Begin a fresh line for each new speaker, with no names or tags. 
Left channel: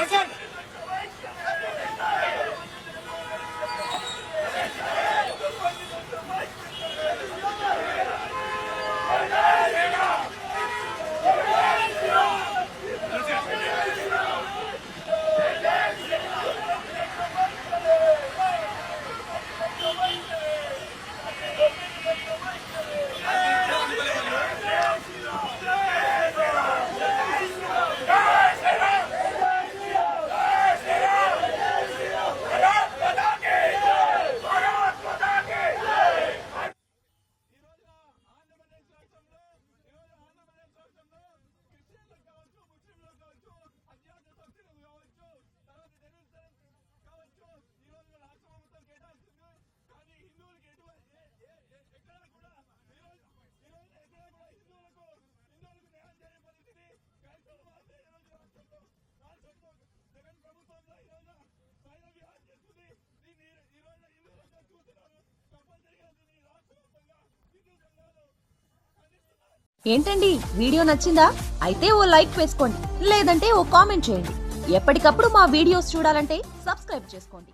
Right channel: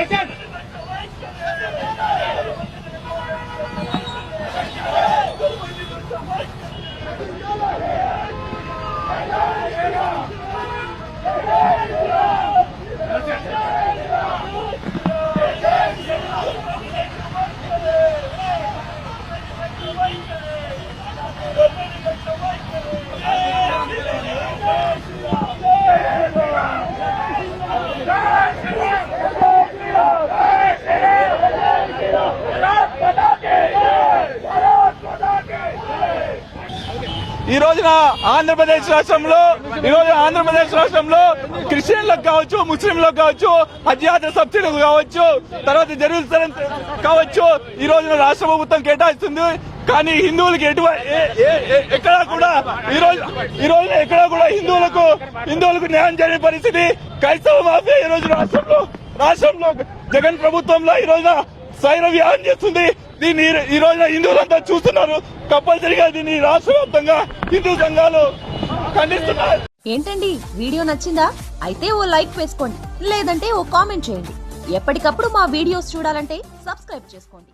Gidersen. Haydi! Haydi!
ఈ రోజున ఆంధ్రప్రదేశ్ రాష్ట్రంలో ఈ రోజు ఆంధ్రప్రదేశ్ రాష్ట్రంలో క్రిస్టియన్లకు కావచ్చు ముస్లింలకు కావచ్చు హజ్ యాత్ర సబ్సిడీలు కావచ్చు తర్వాత జెరూసలం కావచ్చు ఈ రోజున రాష్ట్ర ప్రభుత్వం కేటాయిస్తుంది. కానీ హిందువులకి ఎటువంటి ఎక్కడా కూడా ఈ రోజు ఈ రోజున ఎక్కడా కూడా హిందువులకు హిందువులకు న్యాయం చేయని పరిస్థితి. క్రైస్తవ మాఫియా ఈ రోజు రాష్ట్రంలో రాష్ట్రంలో జగన్ ప్రభుత్వంలో ఈ రోజున సైర వ్యాహం చేస్తుంది. దీన్ని ఈ- ఈ రోజున హిందువులంతా చూస్తున్నారు. కంపల్సరిగా దీన్ని రాష్ట్ర వ్యాప్తంగా హిందూ సంఘాలు ఖండిస్తున్నారు
ఏంటండి? వీడియో నచ్చిందా? అయితే ఓ లైక్ వేసుకోండి. లేదంటే ఓ కామెంట్ చేయండి. ఎప్పటికప్పుడు మా వీడియోస్ చూడాలంటే సబ్స్క్రైబ్ చేసుకోండి.